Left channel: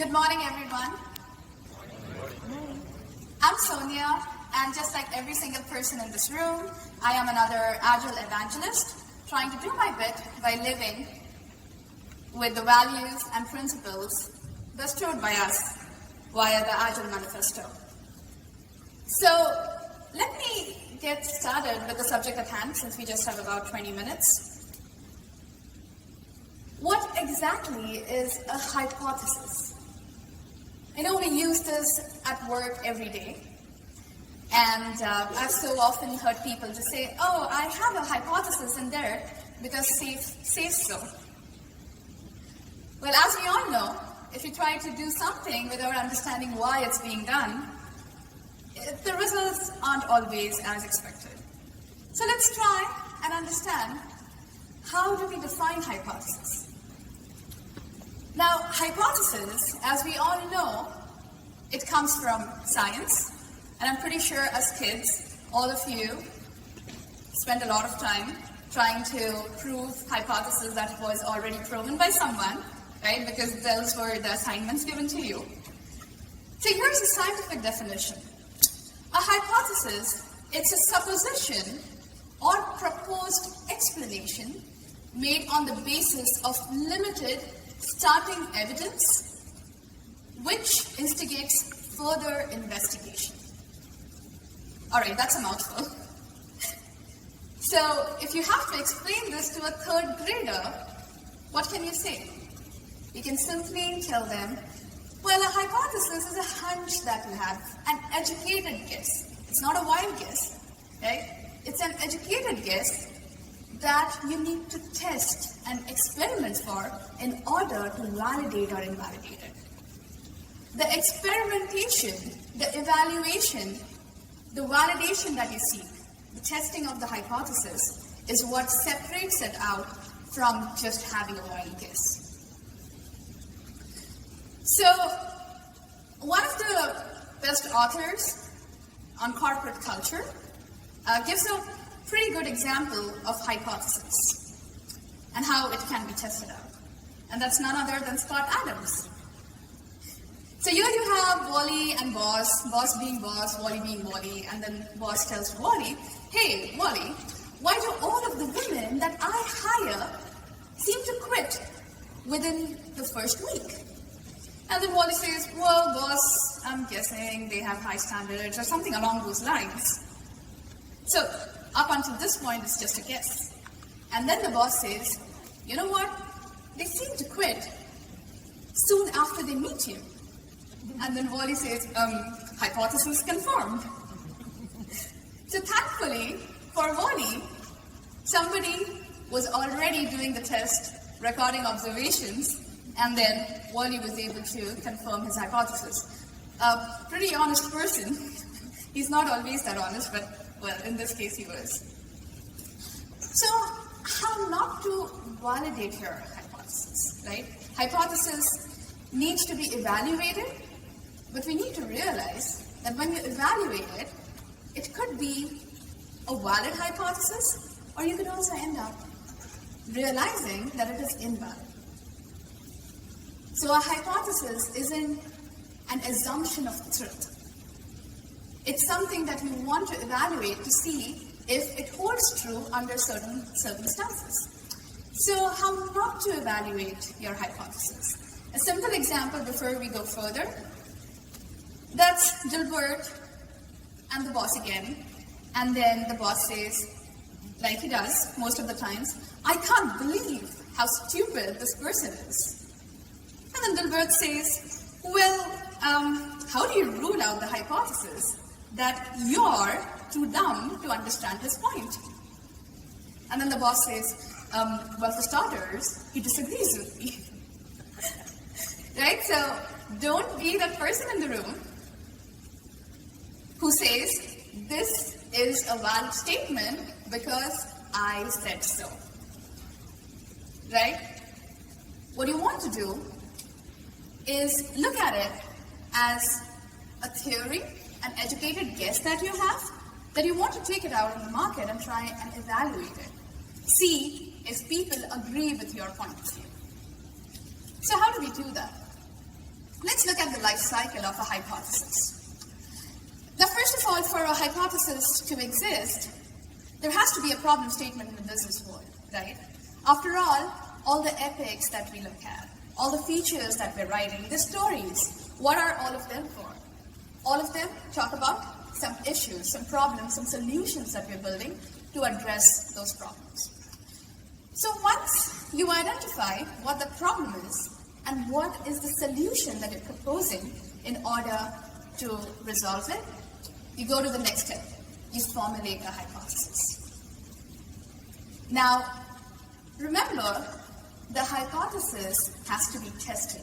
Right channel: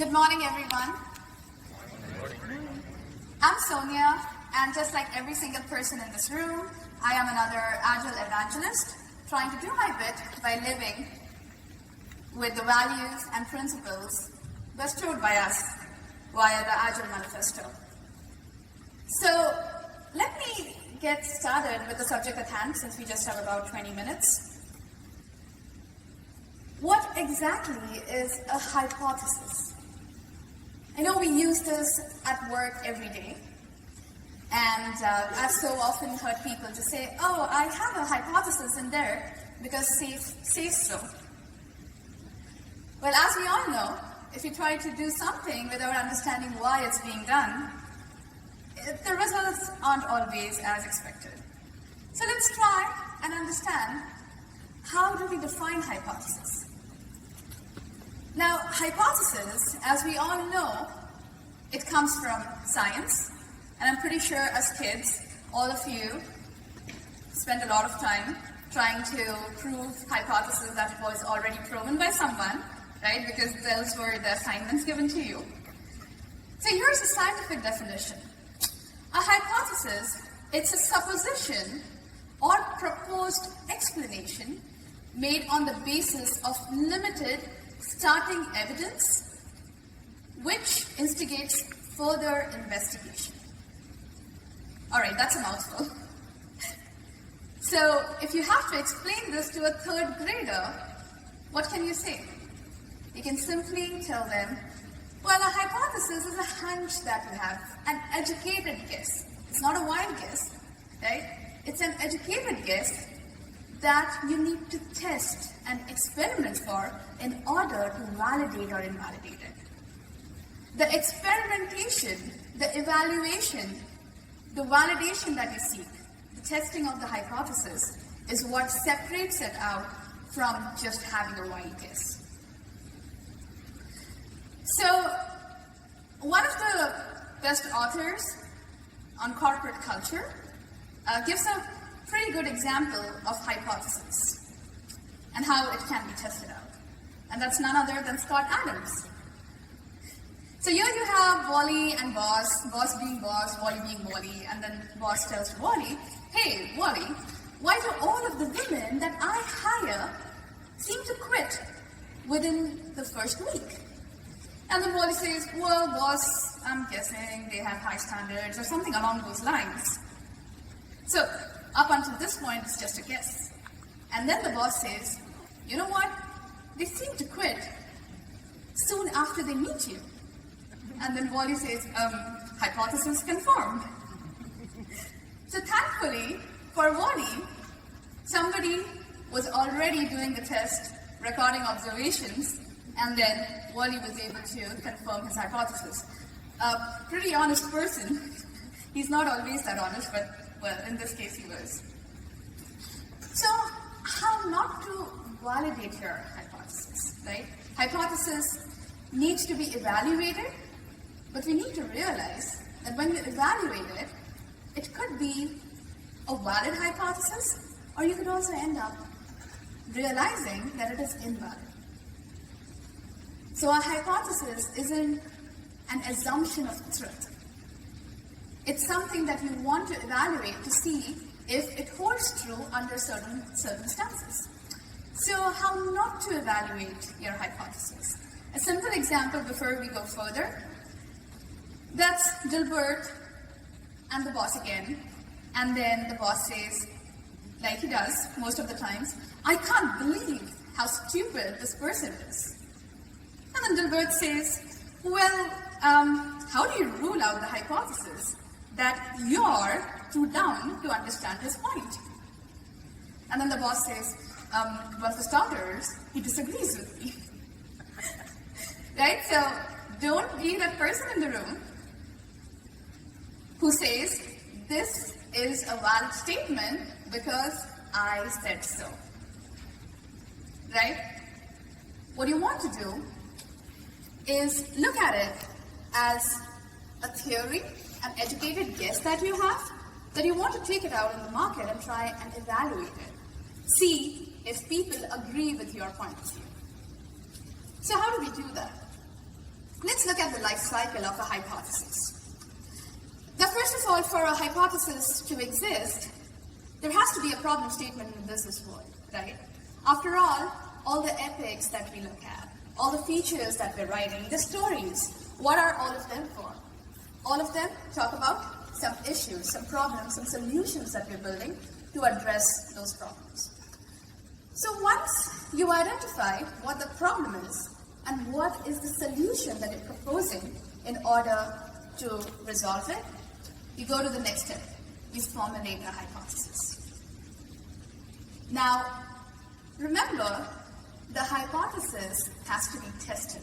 Good morning, everyone. I'm Sonia, and just like every single person in this room, I am another Agile evangelist, trying to do my bit by living with the values and principles bestowed by us via the Agile Manifesto. So, let me get started with the subject at hand, since we just have about 20 minutes. What exactly is a hypothesis? I know we use this at work every day, and I've so often heard people just say, oh, I have a hypothesis in there because says so. Well, as we all know, if you try to do something without understanding why it's being done, the results aren't always as expected. So let's try and understand, how do we define hypothesis? Now, hypothesis, as we all know, it comes from science, and I'm pretty sure as kids, all of you spend a lot of time trying to prove hypothesis that was already proven by someone, right? Because those were the assignments given to you. So here's a scientific definition. A hypothesis, it's a supposition or proposed explanation made on the basis of limited starting evidence, which instigates further investigation. All right, that's a mouthful. So if you have to explain this to a third grader, what can you say? You can simply tell them, well, a hypothesis is a hunch that we have, an educated guess. It's not a wild guess, right? It's an educated guess that you need to test and experiment for in order to validate or invalidate it. The experimentation, the evaluation, the validation that you seek, the testing of the hypothesis is what separates it out from just having a wild guess. So, one of the best authors on corporate culture gives a pretty good example of hypothesis and how it can be tested out. And that's none other than Scott Adams. So here you have Wally and Boss, Boss being Boss, Wally being Wally, and then Boss tells Wally, hey, Wally, why do all of the women that I hire seem to quit within the first week? And then Wally says, well, boss, I'm guessing they have high standards or something along those lines. So, up until this point, it's just a guess. And then the boss says, you know what? They seem to quit soon after they meet you. And then Wally says, hypothesis confirmed. So thankfully, for Wally, somebody was already doing the test, recording observations, and then Wally was able to confirm his hypothesis. A pretty honest person. He's not always that honest, but, well, in this case he was. So, how not to validate your hypothesis, right? Hypothesis needs to be evaluated, but we need to realize that when you evaluate it, it could be a valid hypothesis, or you could also end up realizing that it is invalid. So a hypothesis isn't an assumption of truth. It's something that you want to evaluate to see if it holds true under certain circumstances. So how not to evaluate your hypothesis? A simple example before we go further. That's Dilbert and the boss again. And then the boss says, like he does most of the times, I can't believe how stupid this person is. And then Dilbert says, well, how do you rule out the hypothesis that you're too dumb to understand his point? And then the boss says, well, for starters, he disagrees with me. Right? So don't be that person in the room who says, this is a valid statement because I said so. Right? What you want to do is look at it as a theory, an educated guess that you have, that you want to take it out in the market and try and evaluate it. See if people agree with your point of view. So how do we do that? Let's look at the life cycle of a hypothesis. Now, first of all, for a hypothesis to exist, there has to be a problem statement in the business world, right? After all the epics that we look at, all the features that we're writing, the stories, what are all of them for? All of them talk about some issues, some problems, some solutions that we're building to address those problems. So once you identify what the problem is and what is the solution that you're proposing in order to resolve it, you go to the next step. You formulate a hypothesis. Now, remember, the hypothesis has to be tested.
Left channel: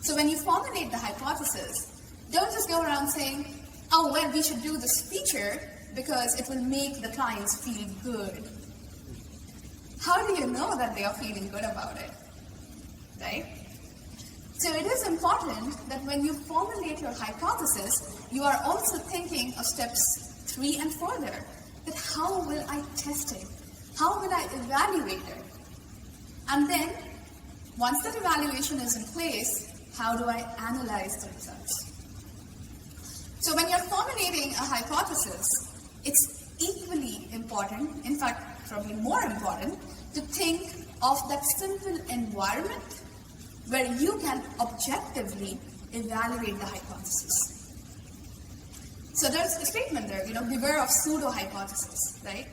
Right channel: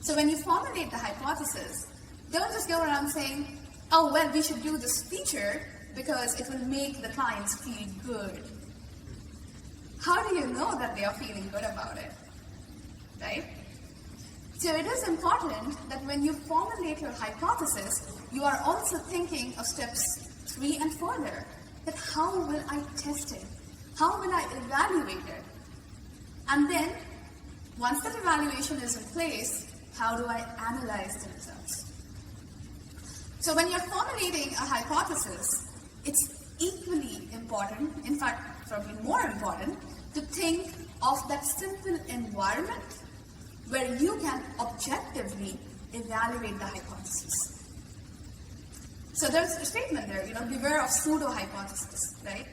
So when you formulate the hypothesis, don't just go around saying, oh, well, we should do this feature because it will make the clients feel good. How do you know that they are feeling good about it, right? So it is important that when you formulate your hypothesis, you are also thinking of steps 3 and further. That how will I test it? How will I evaluate it? And then, once that evaluation is in place, how do I analyze the results? So when you're formulating a hypothesis, it's equally important, in fact, probably more important, to think of that simple environment where you can objectively evaluate the hypothesis. So there's a statement there, beware of pseudo-hypothesis, right?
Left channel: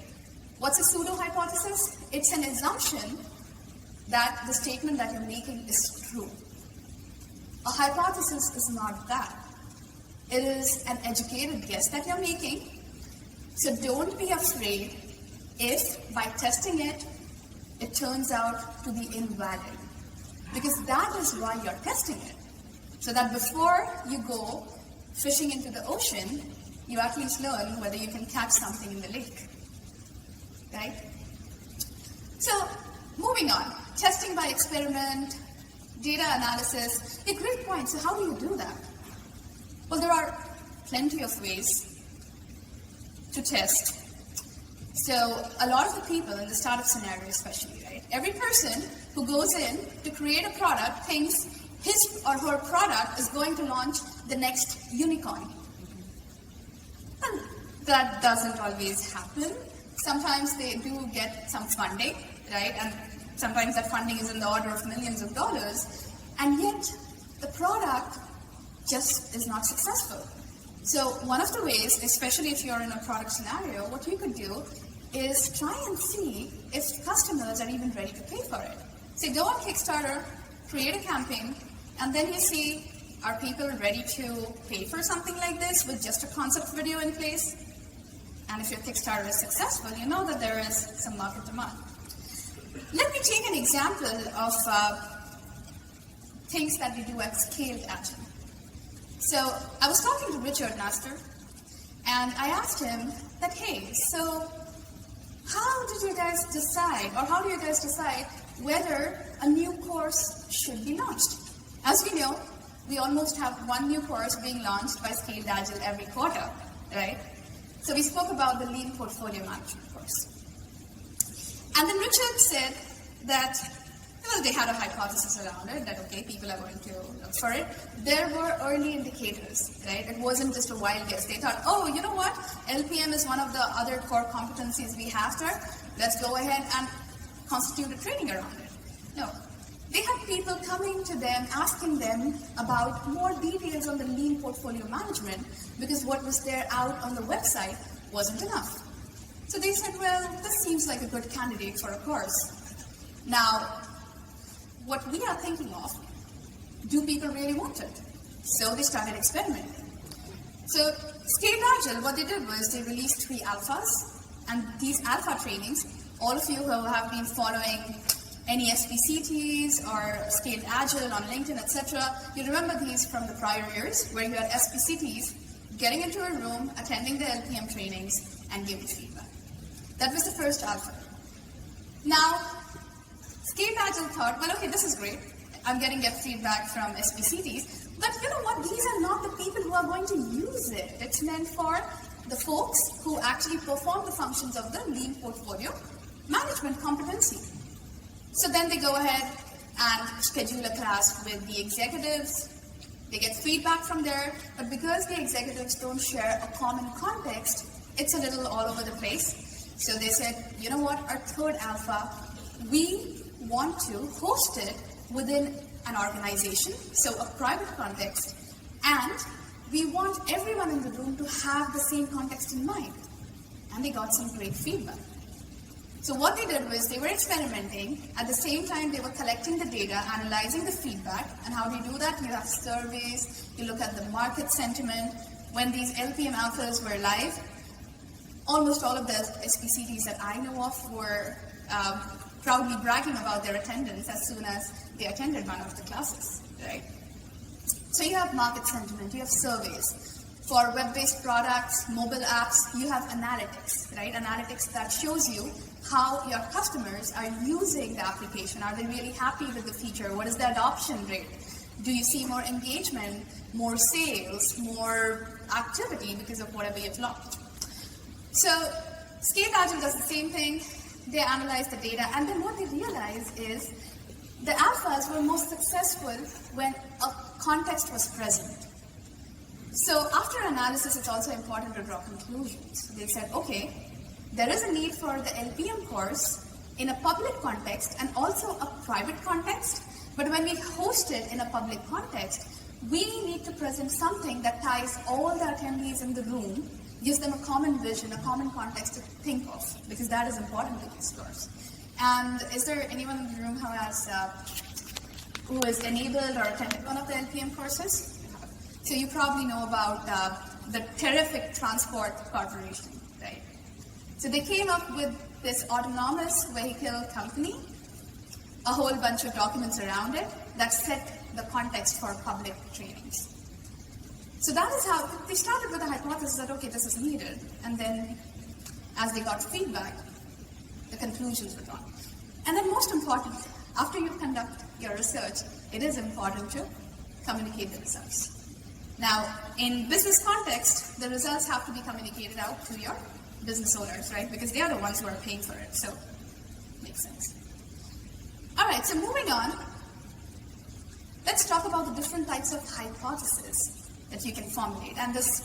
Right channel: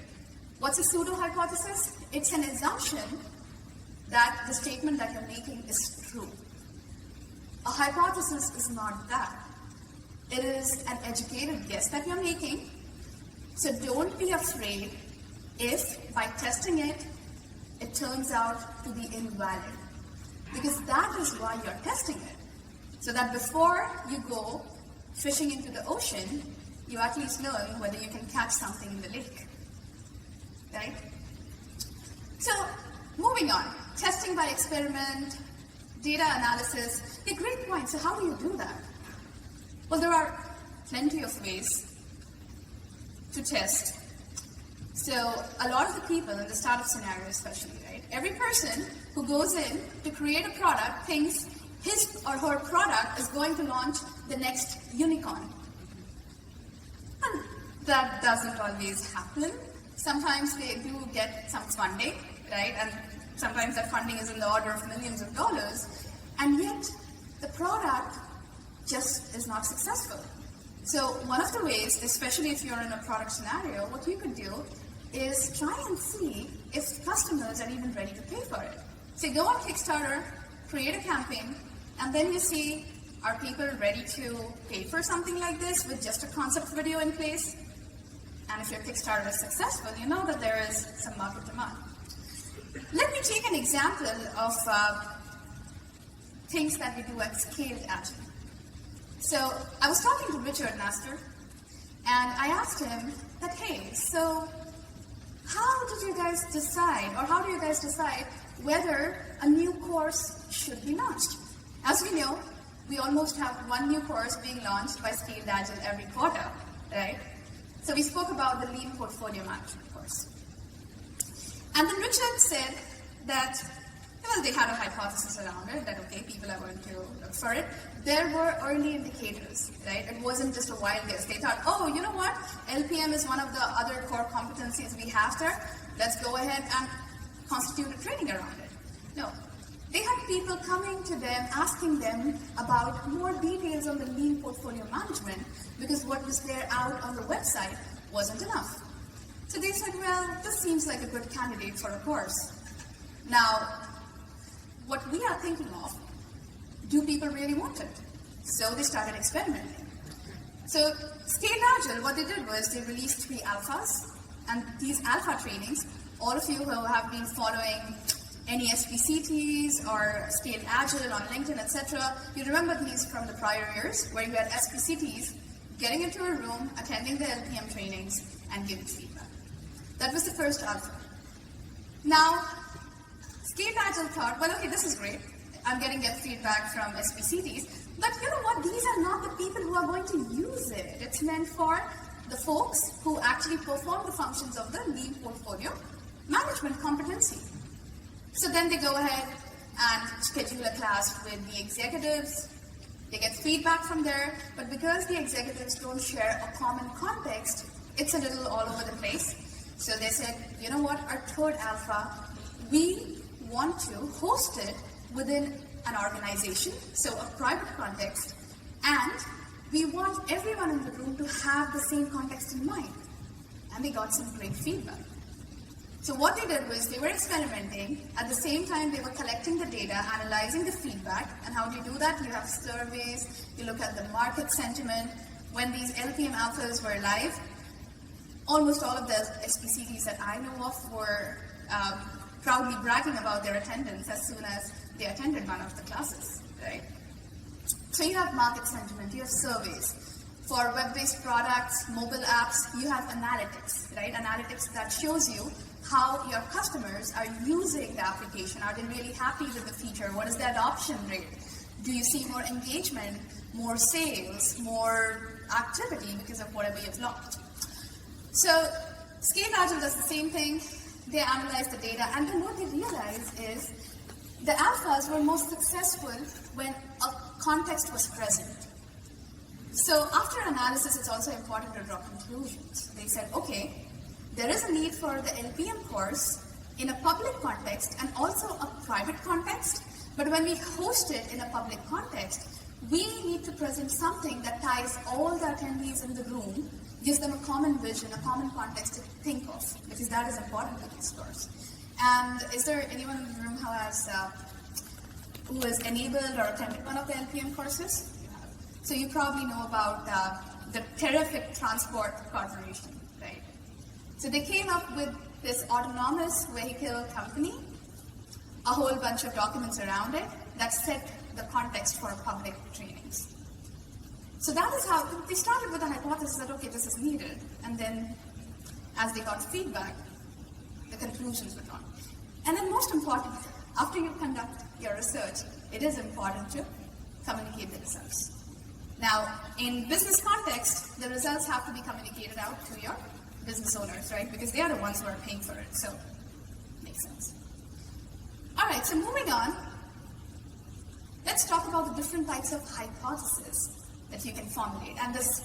What's a pseudo-hypothesis? It's an assumption that the statement that you're making is true. A hypothesis is not that. It is an educated guess that you're making. So don't be afraid if, by testing it, it turns out to be invalid. Because that is why you're testing it. So that before you go fishing into the ocean, you at least learn whether you can catch something in the lake. Right? So, moving on. Testing by experiment, data analysis. A great point. So how do you do that? Well, there are plenty of ways to test. So a lot of the people in the startup scenario especially, right? Every person who goes in to create a product thinks his or her product is going to launch the next unicorn. And that doesn't always happen. Sometimes they do get some funding, right? And sometimes that funding is in the order of millions of dollars. And yet, the product just is not successful. So one of the ways, especially if you're in a product scenario, what you could do is try and see if customers are even ready to pay for it. Say, go on Kickstarter, create a campaign, and then you see, are people ready to pay for something like this with just a concept video in place? And if your Kickstarter is successful, you know that there is some market demand. Let me take an example of things that we do at Scaled Agile. So I was talking to Richard Master, and I asked him that, hey, so how did you guys decide, or how do you guys decide whether a new course should be launched? As we know, we almost have one new course being launched by Scaled Agile every quarter, right? So we spoke about the Lean Portfolio Management course. And then Richard said that, well, they had a hypothesis around it, that, okay, people are going to look for it. There were early indicators, right? It wasn't just a wild guess. They thought, oh, you know what? LPM is one of the other core competencies we have there. Let's go ahead and constitute a training around it. No. They had people coming to them, asking them about more details on the Lean Portfolio Management, because what was there out on the website wasn't enough. So they said, well, this seems like a good candidate for a course. Now, what we are thinking of, do people really want it? So they started experimenting. So Scaled Agile, what they did was they released 3 alphas, and these alpha trainings, all of you who have been following any SPCTs or Scaled Agile on LinkedIn, etc., you remember these from the prior years, where you had SPCTs getting into a room, attending the LPM trainings, and giving feedback. That was the first alpha. Now, Scaled Agile thought, well, okay, this is great. I'm getting feedback from SPCTs, but you know what? These are not the people who are going to use it. It's meant for the folks who actually perform the functions of the Lean Portfolio Management competency. So then they go ahead and schedule a class with the executives, They get feedback from there, but because the executives don't share a common context, it's a little all over the place. So they said, you know what, our third alpha, we want to host it within an organization, so a private context, and we want everyone in the room to have the same context in mind. And they got some great feedback. So what they did was they were experimenting. At the same time, they were collecting the data, analyzing the feedback. And how do you do that? You have surveys, you look at the market sentiment. When these LPM alphas were live, almost all of the SPCTs that I know of were proudly bragging about their attendance as soon as they attended one of the classes, right? So you have market sentiment, you have surveys. For web-based products, mobile apps, you have analytics, right? Analytics that shows you how your customers are using the application. Are they really happy with the feature? What is the adoption rate? Do you see more engagement, more sales, more activity because of whatever you've launched? So Scaled Agile does the same thing. They analyze the data, and then what they realize is the alphas were most successful when a context was present. So after analysis, it's also important to draw conclusions. They said, okay, there is a need for the LPM course in a public context and also a private context, but when we host it in a public context, we need to present something that ties all the attendees in the room, gives them a common vision, a common context to think of, because that is important to this course. And is there anyone in the room who is enabled or attended one of the LPM courses? So you probably know about the Terrific Transport Corporation, right? So they came up with this autonomous vehicle company, a whole bunch of documents around it that set the context for public trainings. So that is how they started with the hypothesis that, okay, this is needed. And then as they got feedback, the conclusions were drawn. And then most important, after you conduct your research, it is important to communicate the results. Now, in business context, the results have to be communicated out to your business owners, right? Because they are the ones who are paying for it, so makes sense. All right, so moving on, let's talk about the different types of hypotheses that you can formulate. And this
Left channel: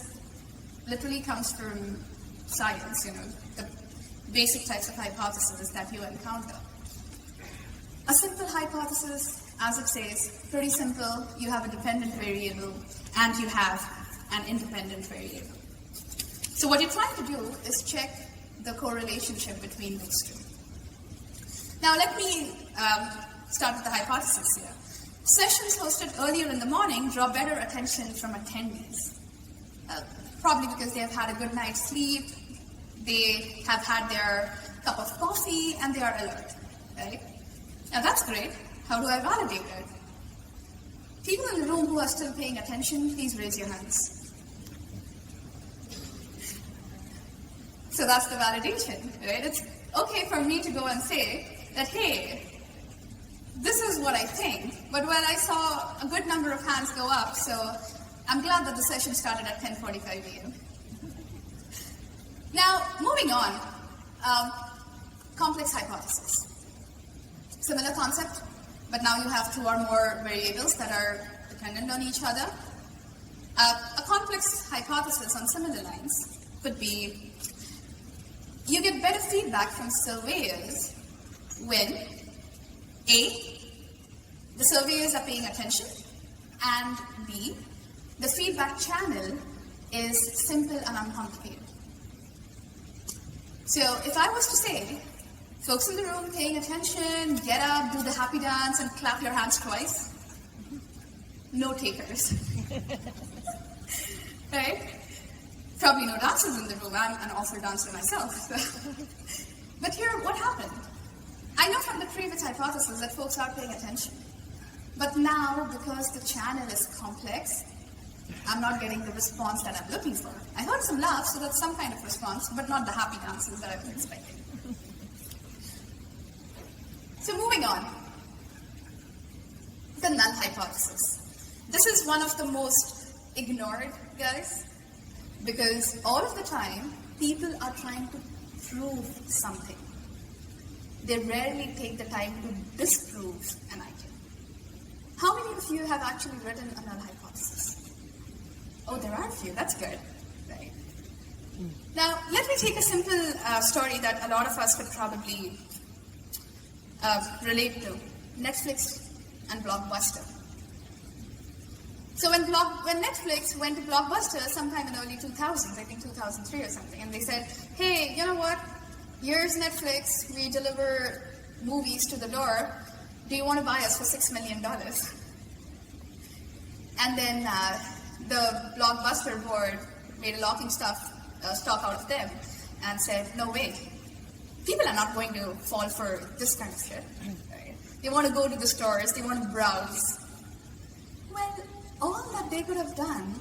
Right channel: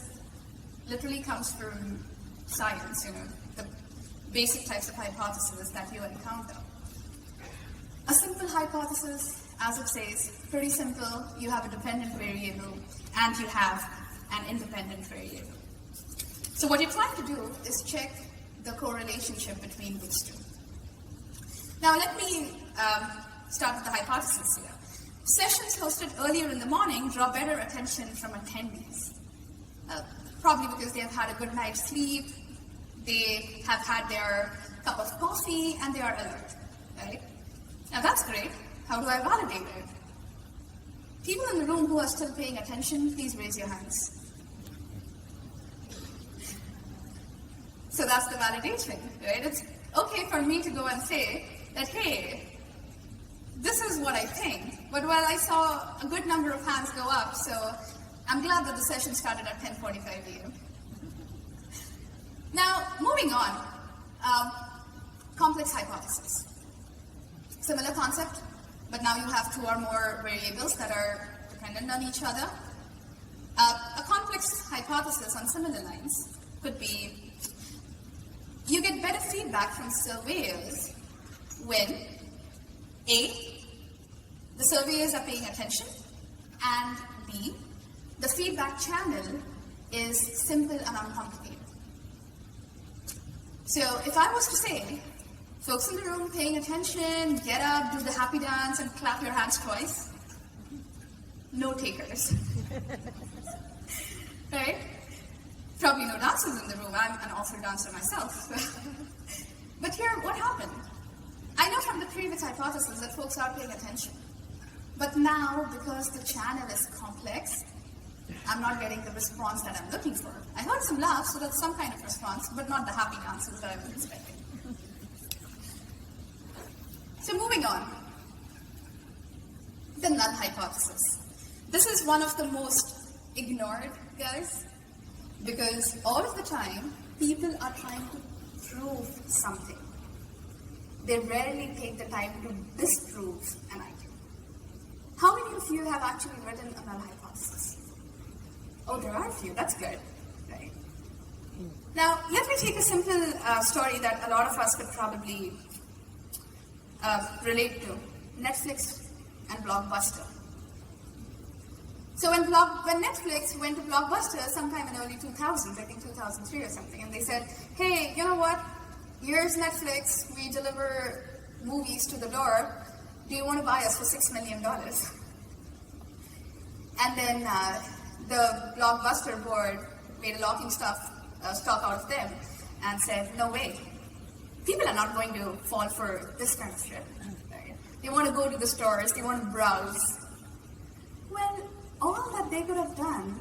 literally comes from science, the basic types of hypotheses that you encounter. A simple hypothesis, as it says, pretty simple. You have a dependent variable and you have an independent variable. So what you're trying to do is check the correlationship between these two. Now let me start with the hypothesis here. Sessions hosted earlier in the morning draw better attention from attendees. Probably because they have had a good night's sleep, they have had their cup of coffee, and they are alert, right? Now that's great. How do I validate it? People in the room who are still paying attention, please raise your hands. So that's the validation, right? It's okay for me to go and say that, hey, this is what I think, but well, I saw a good number of hands go up, so I'm glad that the session started at 10:45 a.m. Now, moving on, complex hypothesis. Similar concept, but now you have two or more variables that are dependent on each other. A complex hypothesis on similar lines could be, you get better feedback from surveyors when A, the surveyors are paying attention, and B, the feedback channel is simple and uncomplicated. So if I was to say, folks in the room paying attention, get up, do the happy dance, and clap your hands twice, no takers. Right? Probably no dancers in the room. I'm an awful dancer myself. But here, what happened? I know from the previous hypothesis that folks are paying attention. But now, because the channel is complex, I'm not getting the response that I'm looking for. I heard some laughs, so that's some kind of response, but not the happy dances that I've been expecting. So moving on, the null hypothesis. This is one of the most ignored, guys, because all of the time, people are trying to prove something. They rarely take the time to disprove an item. How many of you have actually written a null hypothesis? Oh, there are a few. That's good, right? Now, let me take a simple story that a lot of us could probably relate to. Netflix and Blockbuster. So when Netflix went to Blockbuster sometime in the early 2000s, I think 2003 or something, and they said, hey, you know what? Here's Netflix. We deliver movies to the door. Do you want to buy us for $6 million? And then the Blockbuster board made a locking stock out of them and said, no way. People are not going to fall for this kind of shit. Right? They want to go to the stores. They want to browse. Well, all that they could have done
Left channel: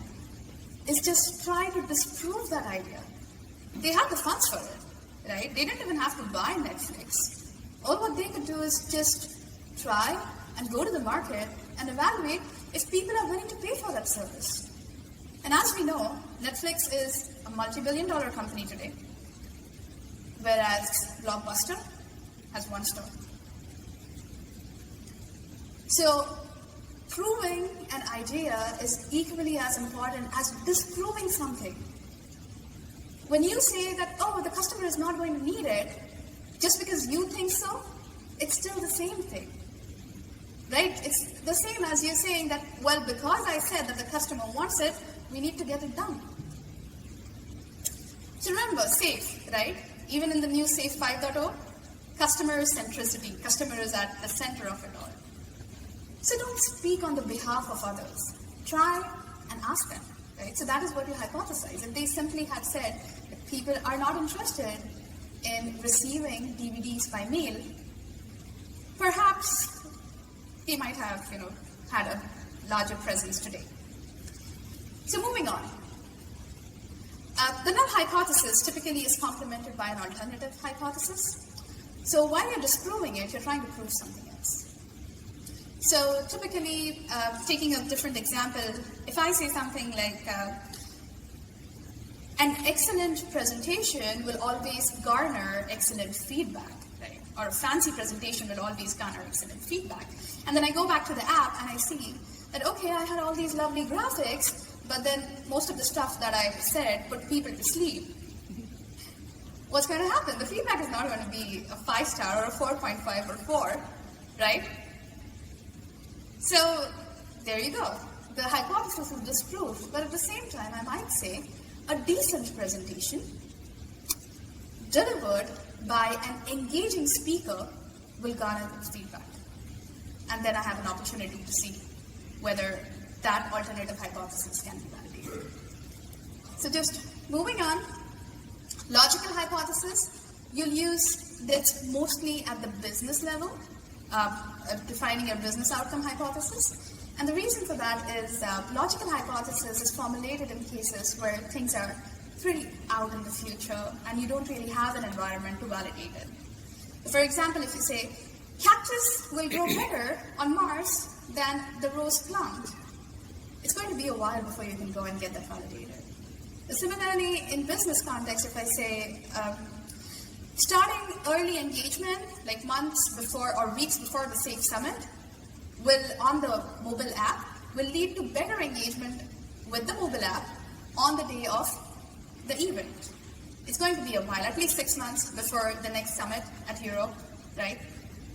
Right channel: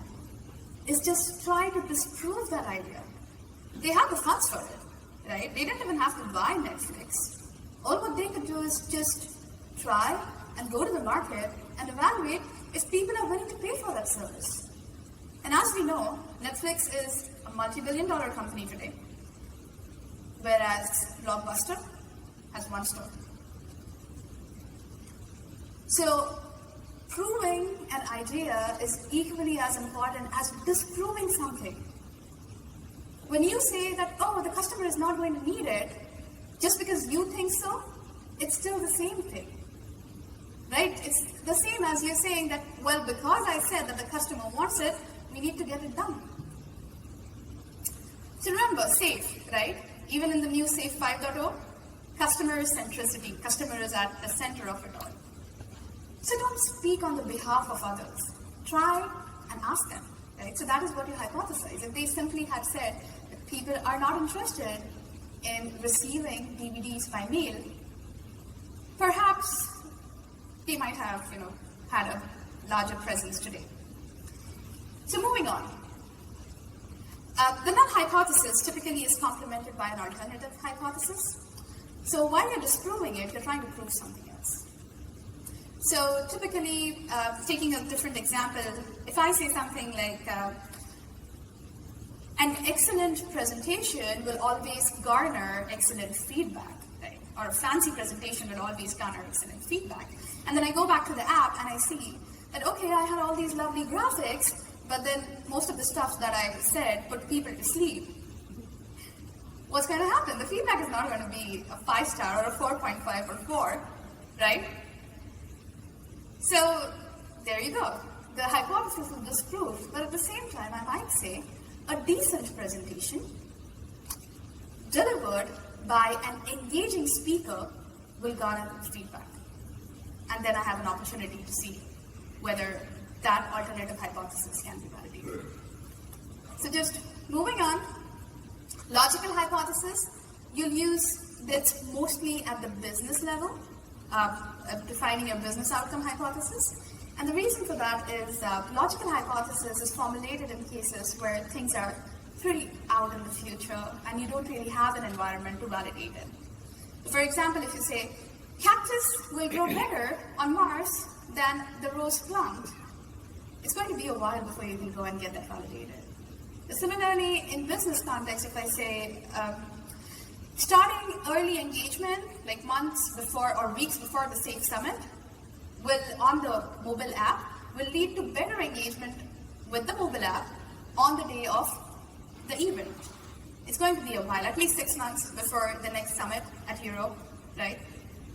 is just try to disprove that idea. They have the funds for it, right? They didn't even have to buy Netflix. All what they could do is just try and go to the market and evaluate if people are willing to pay for that service. And as we know, Netflix is a multi-billion-dollar company today, whereas Blockbuster has one store. So, proving an idea is equally as important as disproving something. When you say that, oh, the customer is not going to need it, just because you think so, it's still the same thing. Right? It's the same as you're saying that, well, because I said that the customer wants it, we need to get it done. So remember, SAFe, right? Even in the new SAFe 5.0, customer centricity. Customer is at the center of it all. So don't speak on the behalf of others. Try and ask them, right? So that is what you hypothesize. If they simply had said that people are not interested in receiving DVDs by mail, perhaps they might have, had a larger presence today. So moving on. The null hypothesis typically is complemented by an alternative hypothesis. So while you're disproving it, you're trying to prove something else. So typically, taking a different example, if I say something like, an excellent presentation will always garner excellent feedback, right? Or a fancy presentation will always garner excellent feedback. And then I go back to the app and I see that, okay, I had all these lovely graphics, but then most of the stuff that I said put people to sleep. What's going to happen? The feedback is not going to be a 5-star or a 4.5 or 4, right? So there you go. The hypothesis is disproved, but at the same time, I might say a decent presentation delivered by an engaging speaker will garner feedback. And then I have an opportunity to see whether that alternative hypothesis can be validated. So just moving on, logical hypothesis, you'll use this mostly at the business level, defining your business outcome hypothesis. And the reason for that is logical hypothesis is formulated in cases where things are pretty out in the future and you don't really have an environment to validate it. For example, if you say, cactus will grow better on Mars than the rose plant, it's going to be a while before you can go and get that validated. Similarly, in business context, if I say, starting early engagement, like months before or weeks before the SAFe Summit, on the mobile app, will lead to better engagement with the mobile app on the day of the event. It's going to be a while, at least 6 months before the next summit at Europe, right?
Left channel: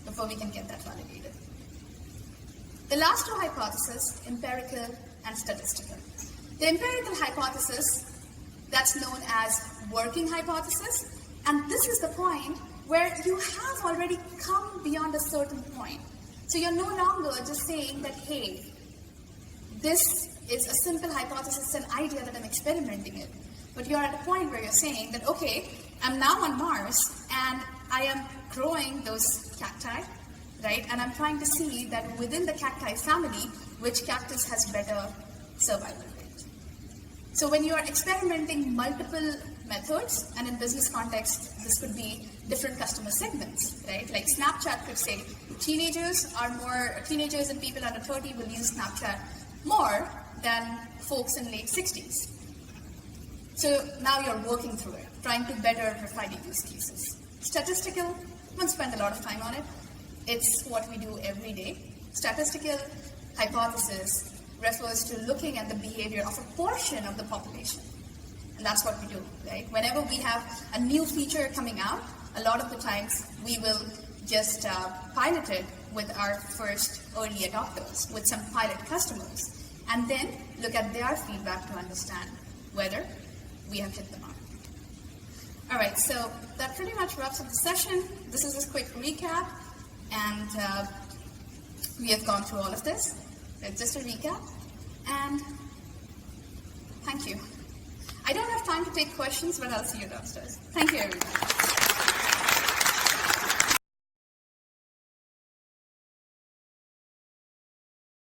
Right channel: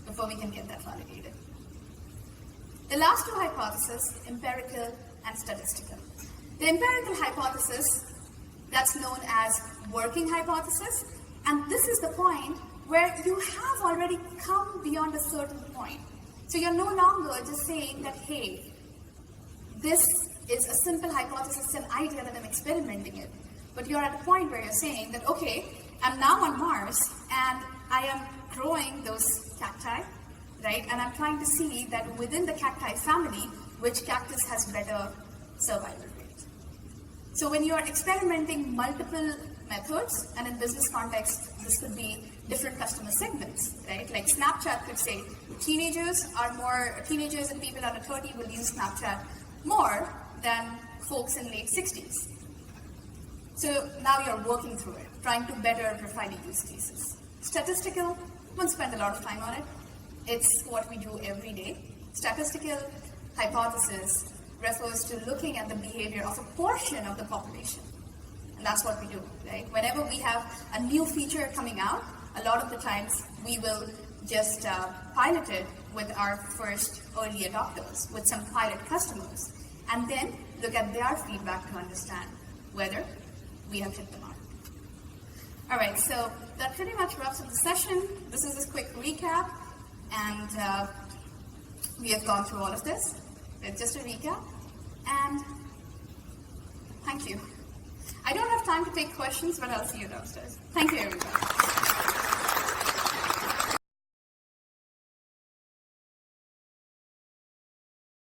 Before we can get that validated. The last two hypotheses, empirical and statistical. The empirical hypothesis, that's known as working hypothesis, and this is the point where you have already come beyond a certain point. So you're no longer just saying that, hey, this is a simple hypothesis, an idea that I'm experimenting in. But you're at a point where you're saying that, okay, I'm now on Mars, and I am growing those cacti, right? And I'm trying to see that within the cacti family, which cactus has better survival rate. So when you are experimenting multiple methods, and in business context, this could be different customer segments, right? Like Snapchat could say teenagers and people under 30 will use Snapchat more than folks in late 60s. So now you're working through it, trying to better refine the use cases. Statistical, don't spend a lot of time on it. It's what we do every day. Statistical, hypothesis refers to looking at the behavior of a portion of the population. And that's what we do, right? Whenever we have a new feature coming out, a lot of the times we will just pilot it with our first early adopters, with some pilot customers, and then look at their feedback to understand whether we have hit the mark. All right, so that pretty much wraps up the session. This is a quick recap, and we have gone through all of this. It's just a recap, and thank you. I don't have time to take questions, but I'll see you downstairs. Thank you, everyone.